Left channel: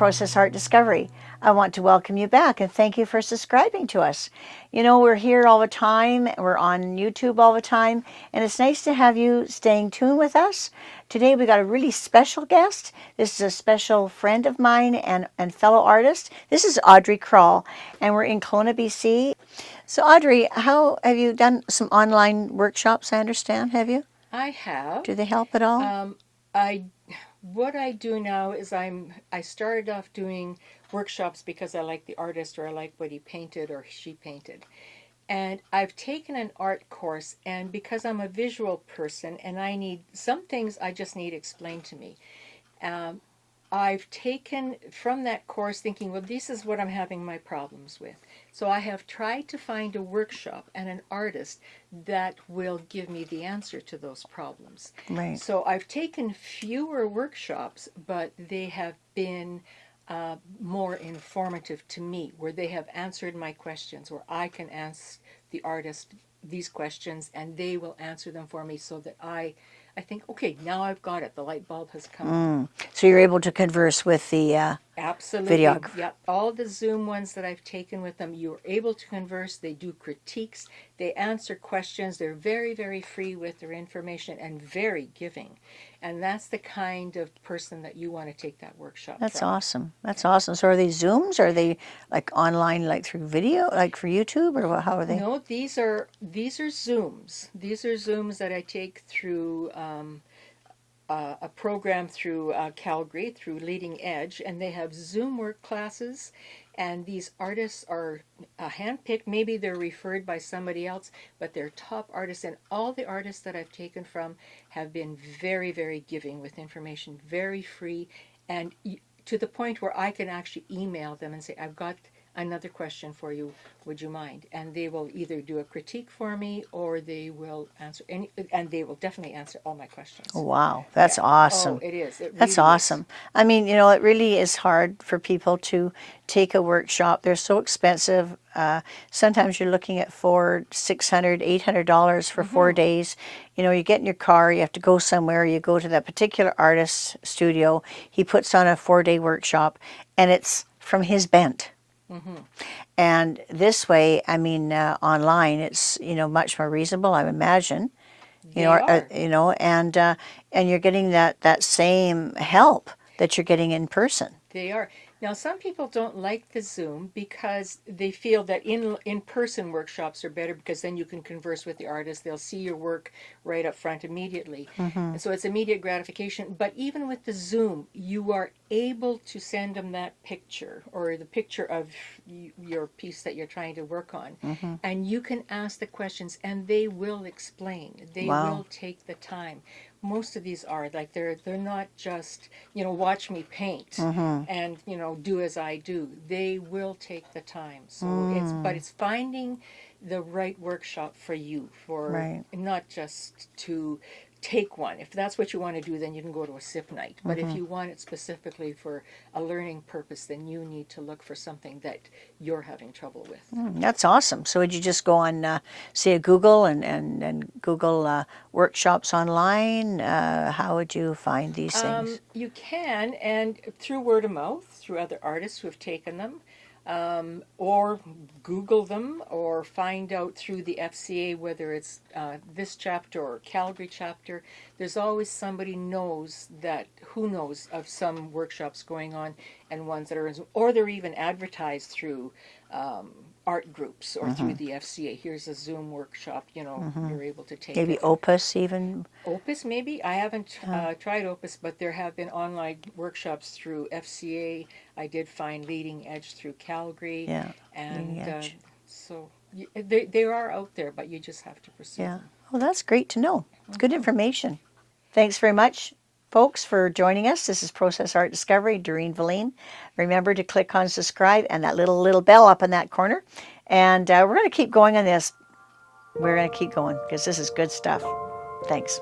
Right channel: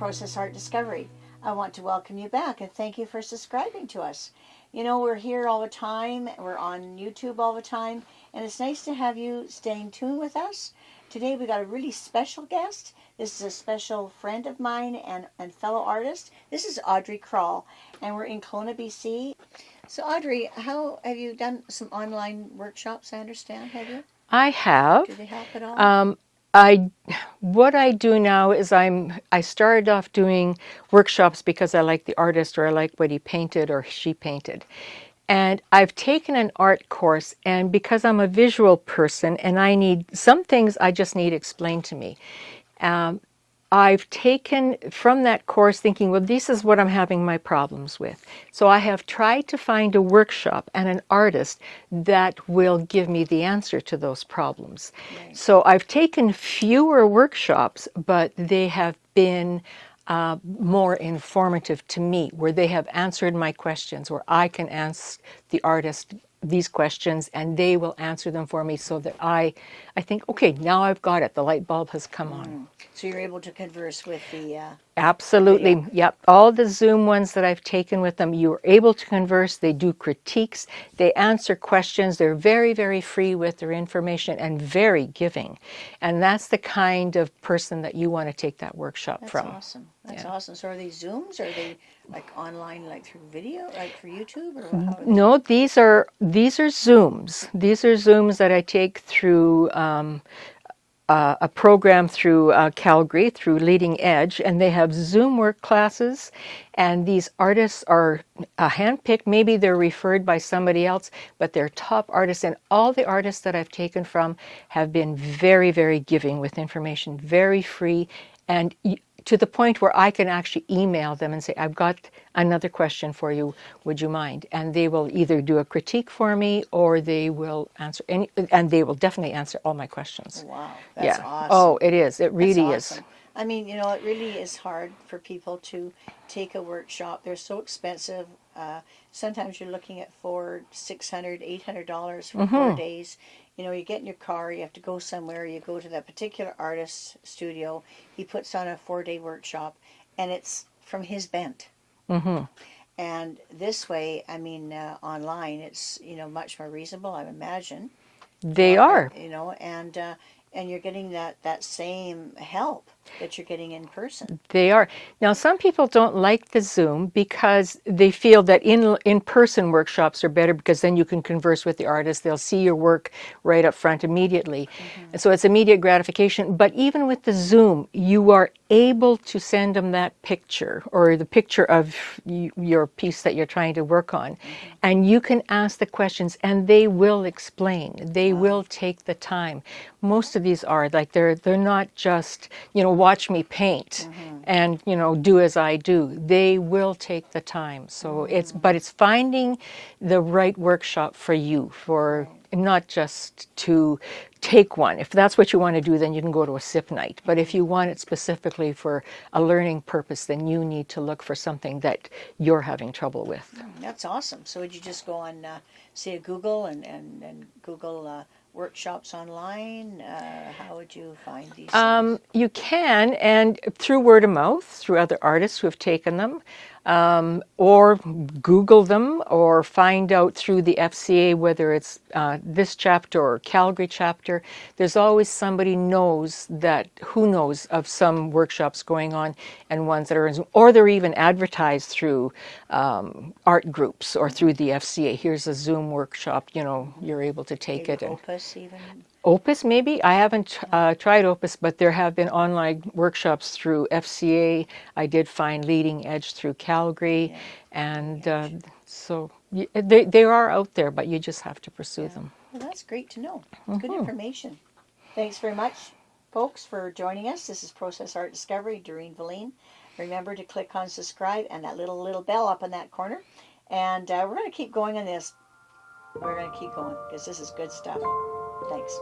Process Art Discovery. I want to welcome you back and thank you for subscribing to us. You know, we're here all the time, we're on YouTube all the time, and it's nice to have you staying tuned with us. Today we got a really special guest. This is a special friend of mine and fellow artist. This is Audrey Krol, and we're in Kelowna, BC. So Audrey, how have you done some online workshops, I understand, have you? I have. Do they help at all? What I do now is I started off doing workshops because I like the artist, or I like what he painted or she painted. And I've taken an art course, and because I'm a visual person and I need some things I just need explained to me. I've taken from that course thinking, well, this is what I'm having my problems with. So I have tried to find a workshop and an artist that will give me the answer to those problems. Right. So I've taken fewer workshops, but they have been more informative to me, where they have answered my questions, where I can ask the artist these questions and they will answer them for me, so that I think, okay, now I've got it. The light bulb has come on. So you're able to converse with the Absolutely. video. Yep. All the Zoom ones that I've taken with them, you're able to converse. They do critiques. They answer questions. They're very, very free with their information and very giving. And that's the kind of person that you want to take that workshop That's from. awesome. That's awesome. So are they Zooms? Are they like online, like through video, like for YouTube, or how are they? No, these are Zooms. These are Zooms that I take through a program through Calgary, through Leading Edge, and they have Zoom work classes, and these artists are handpicked. Maybe they're referred by somebody else, but they're top artists, and all the artists that I've taken from have been very, very giving with information, very free, and to the point where I can actually email them and say, I've got another question for you, would you mind? And they will either do a critique for me, or they will answer and they will definitely answer all my questions. Wow, that's Yeah. awesome. Oh, it is. It really That's awesome. is. I mean, you know, it really is hard for people to take a workshop. They're so expensive. Sometimes you're looking at $400, $600, $800 for 4 days. You know, you get in your car, you have to go somewhere, you go to that particular artist's studio, he puts on a 4-day workshop, and it's from his bent. And this way, I mean, online, it's, you know, much more reasonable, I imagine. They are. You know, and you're getting that same help that you're getting in person. They are. Now, some people don't like the Zoom because they feel that in-person workshops are better, because then you can converse with the artist. They'll see your work right up front immediately. And so it's immediate gratification. But even with the Zoom, you are able to send them that picture, or the picture of your piece that you're trying to work on. And you can ask the questions and they will explain. They will take the time. Most of these are like, they're not just, you know, watch me paint and, you know, do as I do. They will take the time. So it's finding the right workshop for you, for not just to take one. If that's what you want to do, then you can go to a SIP night. But if you want it specifically for a learning purpose, then you need to look for something that you're having trouble with. That's awesome. So would you just go on, say, Google and Google workshops online? How would you find these things? You can, and through word of mouth, through other artists who have taken them, or Google them, or find out through the FCA, whether it's this chapter or Calgary chapter. There's always somebody who knows of some workshops going on, and ones that are in Zoom, or they're even advertised through art groups or through the FCA. Here's a Zoom workshop, you know, you're able to take Maybe it. Opus even? Opus, maybe. I haven't tried Opus, but there have been online workshops through FCA. I did find Leading Edge through Calgary. And so they are out there, but you just have to pursue them. Well, that's great to know. It's good information. Thanks very much, folks, for joining us. This is Process Art Discovery, Doreen Velin. Remember to click on subscribe and that little bell up in that corner. And we're going to keep going on this. We're going to keep going because this is good stuff. Thanks.